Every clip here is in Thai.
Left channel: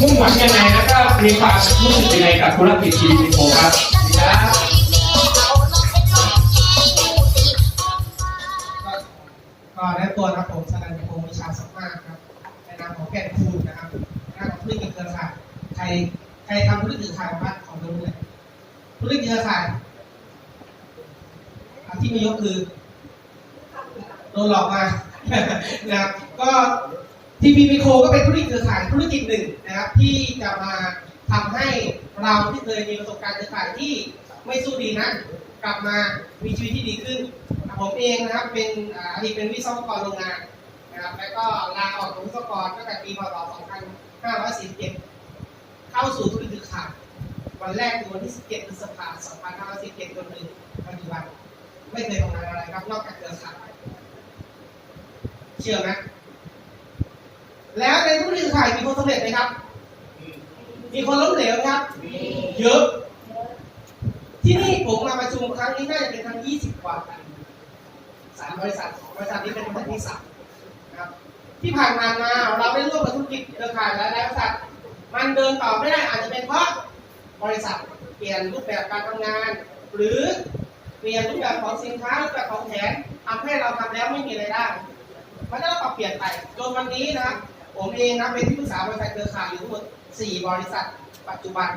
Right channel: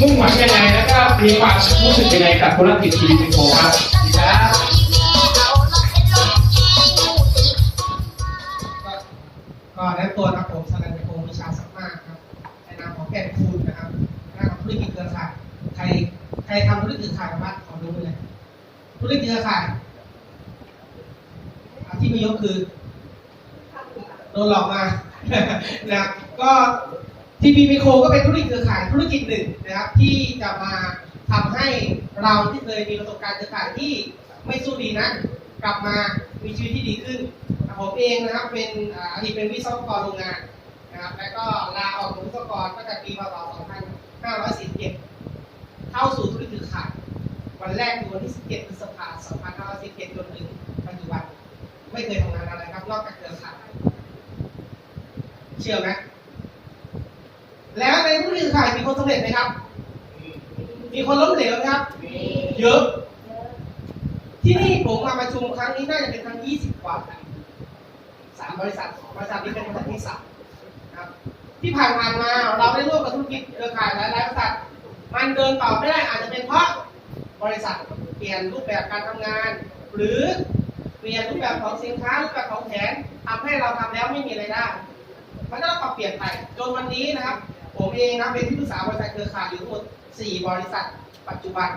มุ่งหวังยังไงแล้วก็มีความรู้สึกยังไงกับธุรกิจทีวีโฟครับครับก็แนะนำตัวนะครับผมสนันยพงศ์วิชาสัมมาครับในนามของแก่นคูณนะครับในนามของธุรกิจเครือข่ายใครใครทำธุรกิจเครือข่ายบ้างของรู้เลยธุรกิจเครือข่ายที่มียกคือโดนหลอกมานะก็ ทีพีพีโคก็เป็นธุรกิจเครือข่ายธุรกิจหนึ่งนะครับ ที่จะมาทำให้เราที่เคยมีประสบการณ์เครือข่ายที่ไม่สู้ดีนั้นกลับมามีชีวิตที่ดีขึ้น ผมเองนะครับเป็นอดีตเป็นวิศวกรโรงงานนะครับแล้วก็ลาออกจากวิศวกรตั้งแต่ปีพศ2547 เข้าสู่ธุรกิจเครือข่ายวันแรกคือวันที่ 17พฤษภาคม2547จนถึงปัจจุบัน ไม่เคยทำงานอะไรครับ นอกจากเครือข่ายเชื่อไหม แล้วในธุรกิจเครือข่ายมีคนสำเร็จไหมครับ มีคนล้มเหลวไหมครับ เยอะ ที่นี่ผมมาประชุมครั้งนี้น่าจะเป็นครั้ง20กว่าแล้วสามบริษัทบริษัทนี้เป็นบริษัทที่สามนะครับ ที่ผ่านมามาเราได้ร่วมกับธุรกิจเครือข่ายหลายๆบริษัท มันเดินต่อไม่ได้อาจจะเป็นเพราะบริษัทเปลี่ยนรูปแบบการทำงาน หรือเปลี่ยนรูปแบบของสินค้ารูปแบบของแผนทำให้เราทำแล้วไม่มีรายได้มันก็ต้องปรับเปลี่ยนไปจนวันนี้นะครับ ผมเองนะเป็นที่ปรึกษาบริษัทเครือข่ายอยู่ทั้งหมด 4 บริษัทปัจจุบัน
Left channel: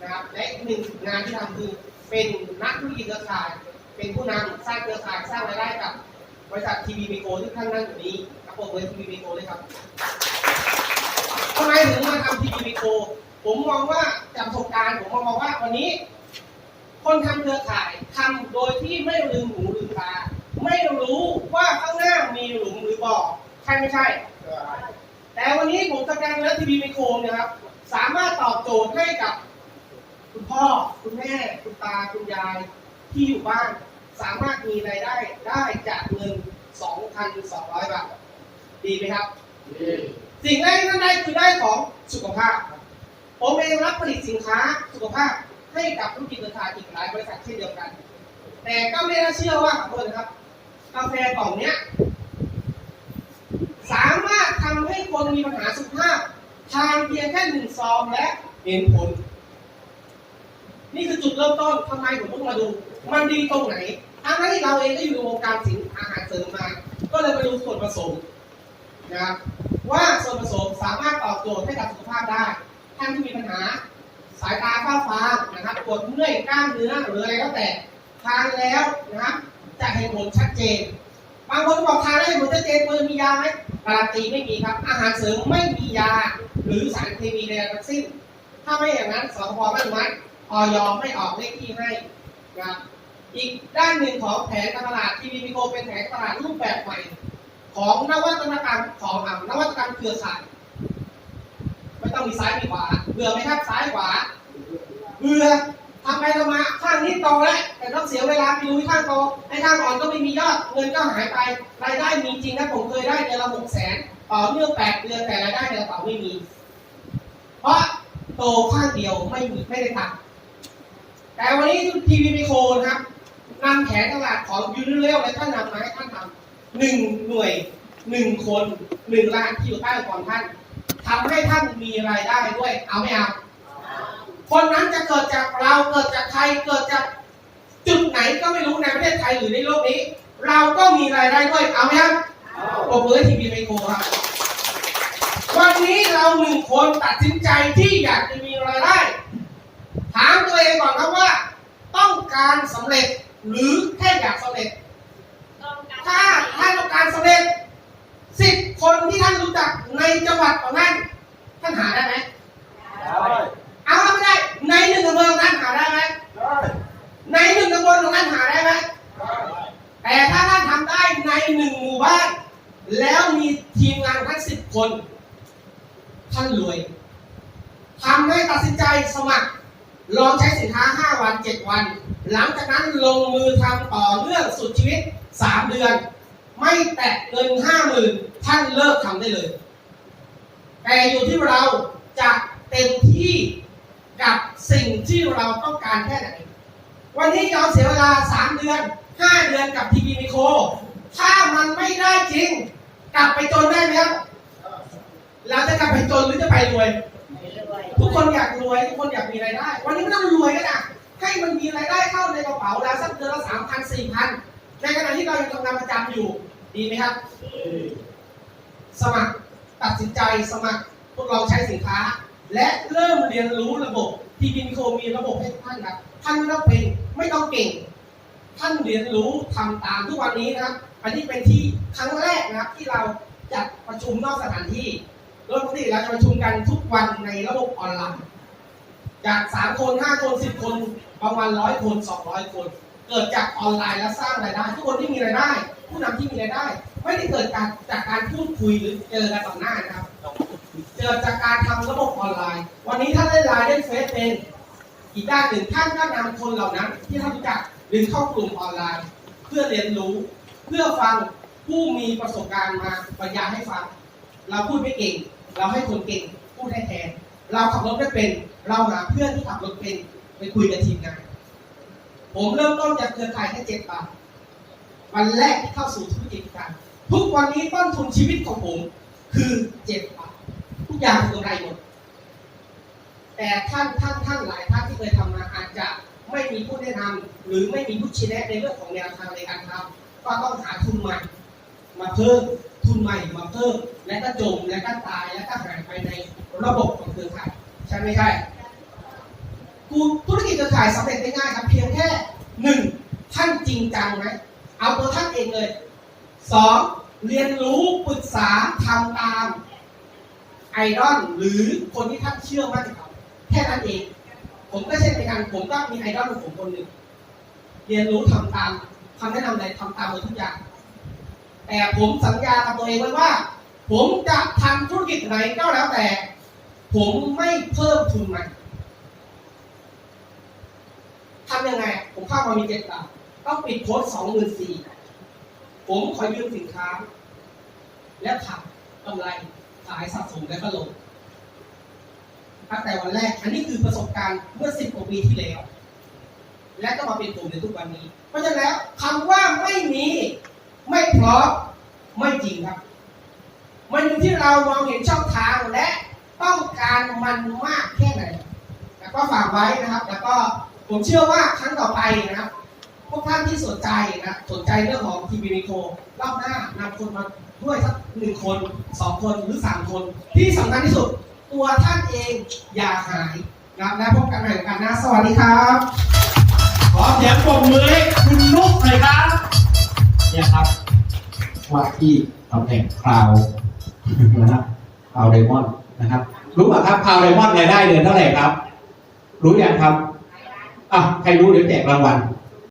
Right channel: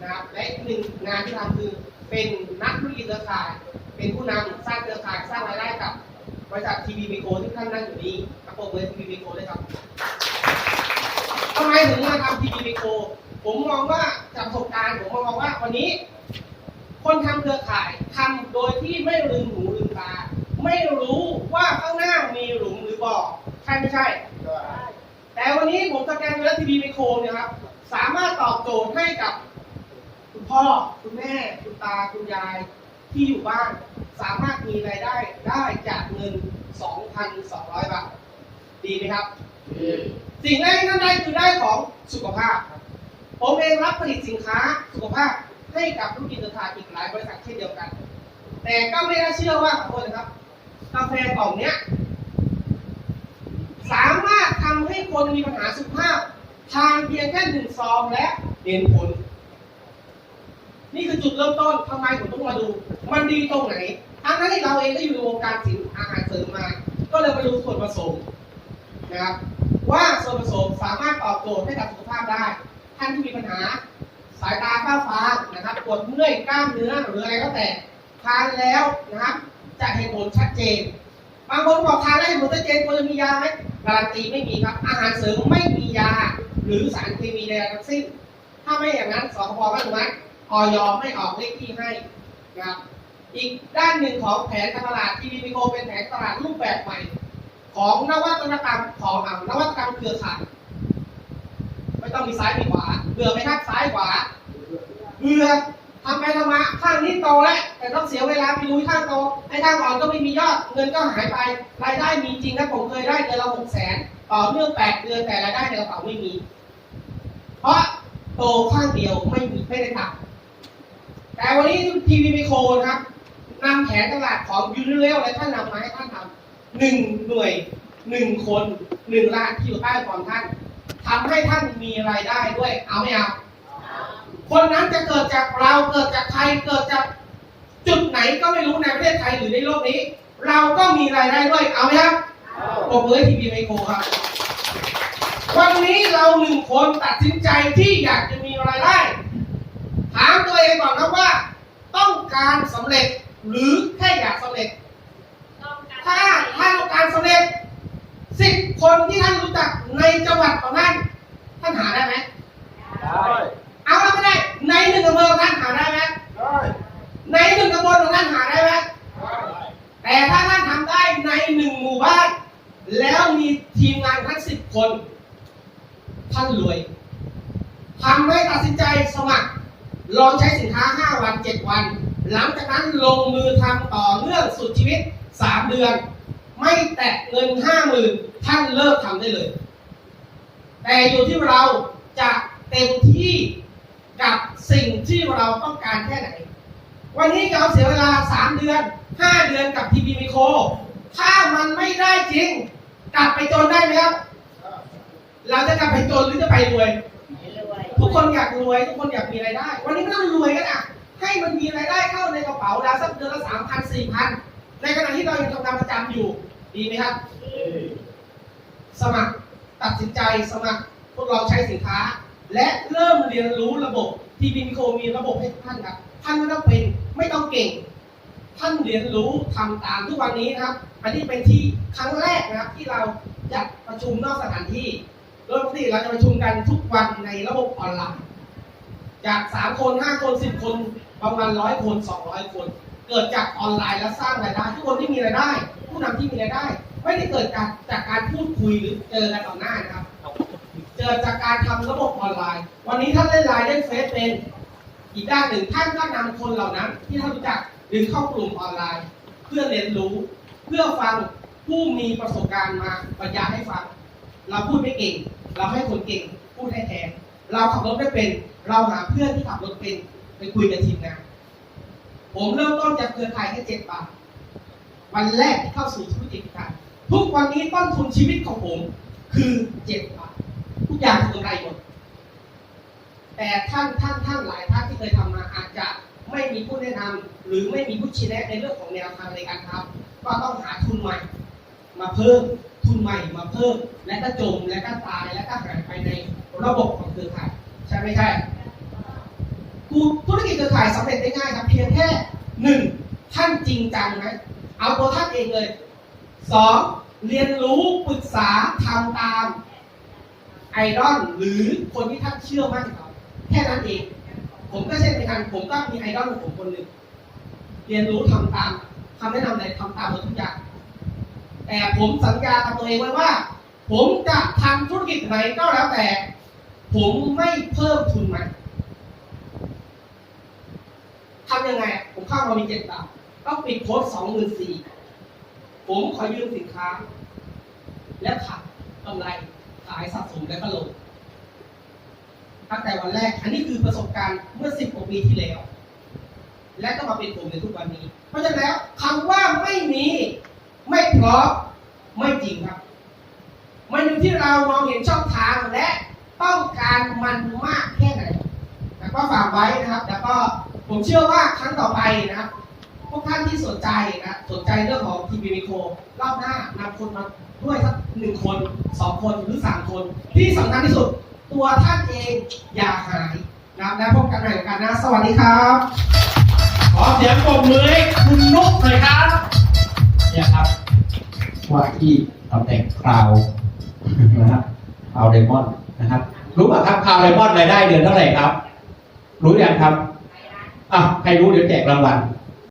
นะครับและอีกหนึ่งงานที่ทำคือเป็นนักธุรกิจเครือข่าย เป็นผู้นำสร้างเครือข่ายสร้างรายได้กับบริษัททีวีเมโกที่ท่านนั่งอยู่นี้กระโปรเลยทีวีเมโกเลยครับทำไมถึงมาทำทีวีเมโกผมมองว่าจากประสบการณ์ผมมองว่าวันนี้ คนทำเครือข่ายทำโดยที่ไม่ลืมหูลืมตาไม่รู้ว่าข้างหน้ามีหลุมหรือบ่อใช่ไม่ใช่ แต่วันนี้ผมสแกนแล้วทีวีไมโครเนี่ยครับ สามารถตอบโจทย์ให้กับ คุณพ่อ คุณแม่ คุณตา คุณยาย ที่อยู่บ้าน สามารถมีรายได้ได้จากเงิน 2,200 บาท ดีไหมครับ สิ่งแรกที่ท่านได้คือได้ของสุขภาพ ผมเองรับผลิตสินค้าสุขภาพให้กับธุรกิจเครือข่ายอีกหลายบริษัทเช่นเดียวกัน แต่ก็ไม่น่าเชื่อว่าขอโทษนะครับ กาแฟกล่องเนี้ย สามารถทำให้คนมีปัญหาสุขภาพทานเพียงแค่หนึ่งซองและเห็นผล นี่คือจุดเริ่มต้นทำไมผมต้องมาดู มันดีตรงไหนทั้งนั้นที่เราเองก็อยู่ในวงการสินอาหารเสริมมา ก็เลยไปดูส่วนผสมนะครับว่าส่วนผสมสามารถตอบโจทย์ให้กับสุขภาพได้ ท่านที่มีปัญหาสายตาฝ้าฟางนะครับปวดเมื่อยกล้ามเนื้อหรืออะไรก็แต่ทานแล้วนะครับจะเห็นผลชัดเจน บางคนบอกทานแล้วเห็นผลชัดเจนควรจะมียาไหม การันตีไม่มีครับ อาหารเสริมไม่มียา หรือสารเคมีใดทั้งสิ้น ถ้าไม่อย่างนั้นสคบไม่อนุมัติออยไม่ออกเลขที่ให้นะครับอีกด้านหนึ่งของแผนการตลาดทีวีมิโคเป็นแผนตลาดรูปแบบใหม่ ของนวัตกรรมของอ่านวัตกรรมเครือข่ายไม่ต้องมีซ้ายมีขวาเบื่อไหมครับซ้ายขวาเบื่อ ทำไปทำมาข้างนี้โตแล้วแต่ต้องเสียเวลาไปดูที่ข้างโตไอ้ข้างอ่อนก็ไม่มียอดเงินก็หายไปรายได้มีจริงนะผมเคยได้เดือนละหกแสนต่อเนื่องแปดเดือนแต่รายได้ในกระเป๋าไม่มี เพราะโตข้างเดียวไม่มีไม่ได้ทำแต่วันนี้ทีวีไมโครนะครับนำแผนตลาดของยูนิเวลและท่านนำมาให้ท่านทำหนึ่งหน่วยหนึ่งคนหนึ่งล้านที่อยู่ใต้ค์กรท่านทำให้ท่านมีรายได้ด้วยเอาไม่เอา คนนั้นจะเกิดจากเราเกิดจากใครเกิดจากจุดไหนก็ไม่รู้ในประเทศไทยหรือในโลกนี้ เราก็มีรายได้ด้วยเอาไหมครับปรบมือให้ทีวีไมโครครับ วันนี้เราหนึ่งคนตัดสินใจที่อยากจะมีรายได้ ถามตัวเองก่อนครับว่า ต้องการสำเร็จหรือแค่อยากสำเร็จ ถ้าถ้าต้องการสำเร็จสิบคนที่ท่านรู้จักในจังหวัดของท่านท่านหาได้ไหมได้ เอาแล้วไม่ได้ ในหนึ่งอำเภอของท่านหาได้ไหมในหนึ่งตำบลของท่านหาได้ไหมแต่ถ้าท่านทำได้ในหนึ่งหมู่บ้าน แล้วมีทีมงานทั้งสิบคน ท่านรวยทำให้ตัดสินใจสมัคร ลองใช้สินค้า 5 วัน 7 วัน หลังจากนั้นลงมือทำต่อเนื่องสุดชีวิต 3 เดือน ไม่แตะเงิน 50,000 ท่านเลิกทำได้เลย แต่อยู่ที่เราจะเต็มที่ กับสิ่งที่เราต้องการแค่ไหน วันนี้เราเสียเวลา 3 เดือน 5 เดือนกับทีวีมิโครถ้ามันไม่ได้จริง กลับไปจนได้ไหมครับ เราจะกลับไปจนหรือจะไปรวย ทุกคนอยากรวย ทุกคนอยากมีรายได้ วันนี้ไม่ต้องรวยก็ได้ให้มันมีรายได้เข้าในกระเป๋าเราสักเดือนละสามพันสี่พันในขณะที่เรายังทำงานประจำอยู่ ดีไหมครับ สมัครตัดสินใจสมัครทดลองใช้สินค้า และเริ่มเรียนรู้ระบบที่บินโคมีระบบให้ท่านครับท่านไม่ต้องเป็นไม่ต้องเก่ง ท่านเรียนรู้ทำตามทุกวันนี้นะครับ อันนี้เป็นที่ครั้งแรกนะครับที่เราจัดประชุมนอกสถานที่โดยปกติเราจะประชุมกันทุกวันในระบบออนไลน์จากสามคนห้าคนสิบคนประมาณร้อยคนสองร้อยคน เกิดจากออนไลน์และสร้างรายได้ ทุกคนที่มีรายได้ ผู้นำที่มีรายได้ ไม่ได้เกิดจากจากการพูดคุยหรือเจอกันต่อหน้านะครับ เกิดจากการทำระบบออนไลน์ วันนี้ท่านเล่นไลน์เล่นเฟซเป็นอีกด้านหนึ่งท่านก็นำคนเหล่านั้น ที่ท่านรู้จักดึงเข้ากลุ่มออนไลน์ เพื่อเรียนรู้เพื่อฟังผู้มีประสบการณ์มาบรรยายให้ฟัง เราพูดไม่เก่ง เราให้คนเก่งพูดให้แทน เราขับรถไม่เป็น เราหาเพื่อนที่ขับรถเป็นไปคุยกับทีมงานผมเริ่มต้นจากเครือข่ายแค่เจ็ดบาทวันแรกที่เข้าสู่ธุรกิจกันทุกวันนี้ต้นทุนชีวิตของผมคือเจ็ดบาท ทุกอย่างคือกำไรหมด แต่ท่านท่านท่านหลายท่านที่เคยทำมาอาจจะไม่มีผู้แนะนำหรือไม่มีผู้ชี้แนะในเรื่องของแนวทางในการทำก็ต้องหาทุนใหม่ มาเพิ่มทุนใหม่มาเพิ่ม และก็จมและก็ตายและก็หายไปในระบบของเครือข่ายใช่ไหมใช่กูธุรกิจเครือข่ายสำเร็จได้ง่ายครับเพียงแค่หนึ่งท่านจริงจังไหมเอาตัวท่านเองเลยสองเรียนรู้ปรึกษาทำตาม ไอดอลหรือคนที่ท่านเชื่อมั่นเขาแค่นั้นเอง ผมก็เช่นกันผมก็มีไอดอลของผมคนหนึ่งเรียนรู้ทำตามคำแนะนำอะไรทำตามหมดทุกอย่างแต่ผมสัญญากับตัวเองไว้ว่า ผมจะทำธุรกิจไหนก็แล้วแต่ ผมไม่เพิ่มทุนใหม่ทำยังไง ผมเข้ามามีเจ็ดบาทต้องปิดโค้ดสองหมื่นสี่ผมขอยืมสินค้า และขายกำไร ขายสะสมและก็ลงตั้งแต่วันแรก อันนี้คือประสบการณ์เมื่อสิบกว่าปีที่แล้ว และก็มาเป็นผมในทุกวันนี้ เพราะฉะนั้นแล้วคำว่าไม่มีไม่พร้อมไม่จริงครับ มันอยู่ที่เรามองเห็นช่องทางและต้องการมันมากแค่ไหนแต่ก็ฝากไว้นะครับ แล้วก็ผมเชื่อว่าครั้งต่อไปนะครับ พวกท่านที่สนใจนะสนใจเรื่องของทีวีมิโครอบหน้านำคนมาด้วยสักหนึ่งคนสองคนหรือสามคน ที่สำคัญที่สุด ตัวท่านเองอย่าหายนะและพบกันใหม่กันนะสวัสดีครับ ขอเสียงปรบมือให้คุณนุ๊กหน่อยครับ เนี่ยครับว่าที่ตำแหน่งคราวนะครับคราวไดมอนนะครับ รู้ป่ะครับคราวไดมอนรายได้เดือนเท่าไหร่ครับ รู้ยังครับอะใครรู้เดี๋ยวแจกรางวัล